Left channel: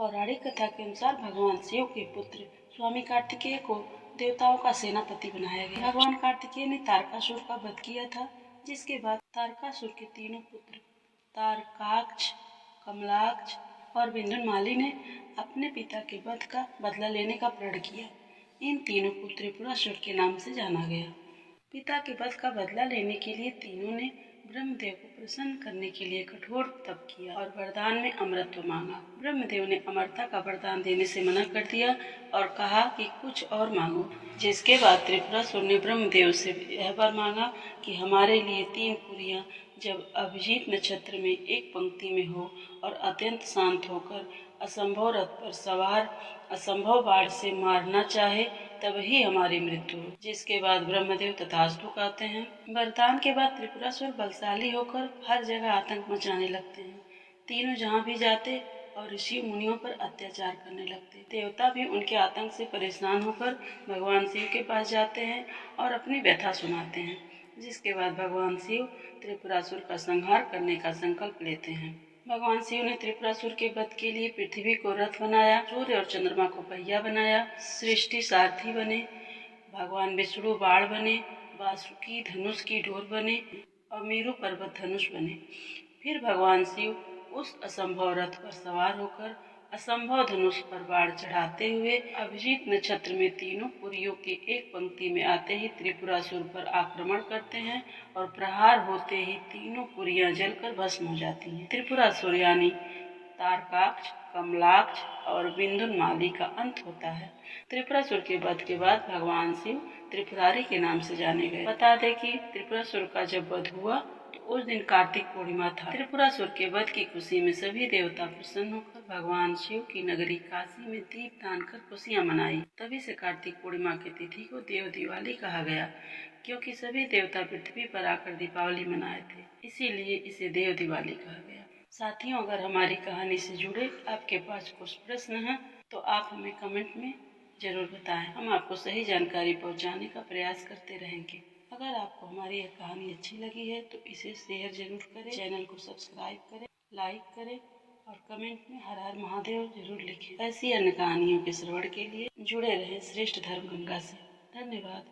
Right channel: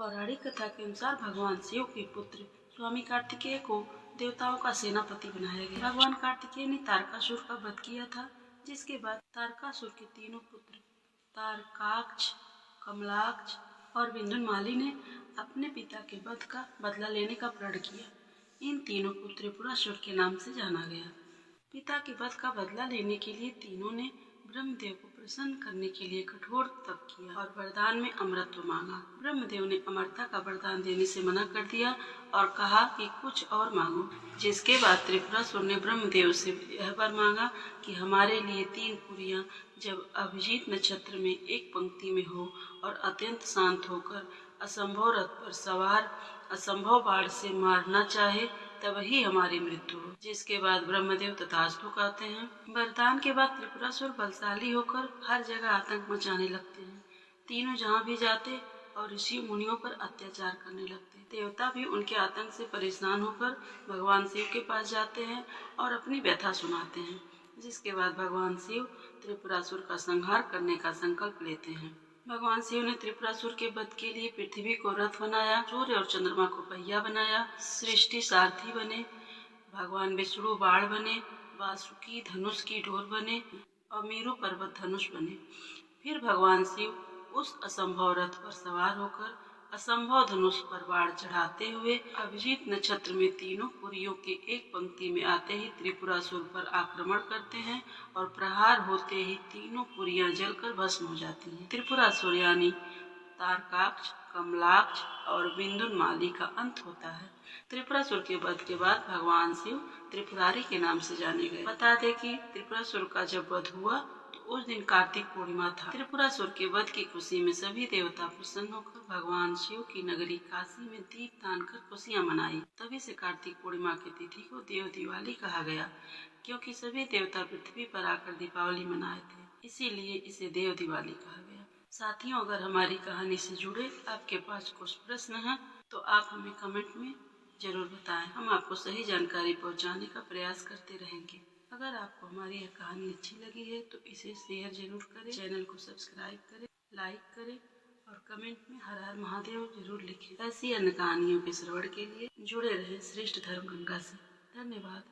पौराणिक कथा के अनुसार भगवान शिव के पुत्र स्वामी कार्तिकेय को देवताओं का सेनापति बनाया गया। भगवान कार्तिकेय ने तारकासुर का वध किया था, जिसके बाद तारकासुर के तीनों पुत्र तारकाक्ष, कमलाक्ष और विंध्यामाली ने अपने पिता के वध का बदला लेने का प्रण किया। इन तीनों को त्रिपुरासुर के नाम से जाना गया। पिता के वध का बदला लेने के लिए तीनों ने ब्रह्मदेव को प्रसन्न करने के लिए कठोर तप किया और वरदान में अमरत्व मांगा। ब्रह्मदेव ने अमरता का वरदान देने से मना कर दिया और कहा कि कुछ और मांगो, जिसके बाद त्रिपुरासुर ने ब्रह्मदेव से यह वर मांगा कि हमारे लिए 3 पुरियां जब अभिजीत नक्षत्र में एक पंक्ति में हो और अत्यंत शांत होकर असंभव रथ पर सवार असंभव बाढ़ से मारना चाहे तब ही हमारी मृत्यु हो। जिसके बाद ब्रह्मदेव तथास्तु कहते हैं। वरदान के बाद त्रिपुरासुर बलशाली होकर हर जगह आतंक मचाने लगते हैं। तीनों जहाँ भी जाते और ऋषि मुनियों पर अत्याचार करने लगते। देवता भी उनके आतंक से परेशान होकर भगवान शिव के पास जाते हैं और अपनी व्यथा सुनाते हैं। जिसके बाद भगवान शिव त्रिपुरासुर का संहार करने का संकल्प लेते हैं। भगवान शिव ने त्रिपुरासुर के वध के लिए पृथ्वी को रथ बनाया, सूर्य और चंद्रमा को पहिया बनाया, सृष्टि सारथी बने, भगवान विष्णु बाण बने, वासुकी धनुष की डोर बने और मेरु पर्वत धनुष बने। फिर भगवान शिव उस असंभव रथ पर सवार होकर असंभव धनुष पर बाण चढ़ाते हुए अभिजीत नक्षत्र में तीनों पुरियों के एक पंक्ति में आते ही त्रिपुरासुर पर आक्रमण करते हैं और प्रहार होते ही तीनों पुरियां जलकर भस्म हो जाती हैं। त्रिपुरासुर यानी तारकाक्ष, कमलाक्ष और विंध्यामाली का अंत होता है। त्रिपुरासुर के वध के बाद भगवान शिव त्रिपुरारी के नाम से जाने गए। बता दें कि त्रिपुरासुर का जब वध हुआ तो उस दिन कार्तिक पूर्णिमा था। त्रिपुरासुर के वध की खुशी में सभी देवता प्रसन्न होकर भगवान शिव की नगरी काशी में दीप दान कर खुशियां मनाई। तभी से कार्तिक पूर्णिमा की तिथि को देव दिवाली कहा गया, क्योंकि सभी देवता पृथ्वी पर आकर दीपावली मनाए थे, इसीलिए इसे देव दिवाली कहा गया। साथियों, अगर हमारी कहानी से जुड़े आपके पास कुछ प्रश्न हैं तो आप हमें कमेंट में जरूर बताएं। हम आपको सही जानकारी पहुंचाने का प्रयास करते रहेंगे। अगर आपको हमारी यह कहानी अच्छी लगी है तो इसे शेयर जरूर करें, चैनल को सब्सक्राइब करें, लाइक करें और कमेंट में हर हर महादेव जरूर लिखें। ऐसी अन्य कहानियों के श्रवण के लिए जुड़े रहें श्रेष्ठ धर्म गंगा से। धन्यवाद।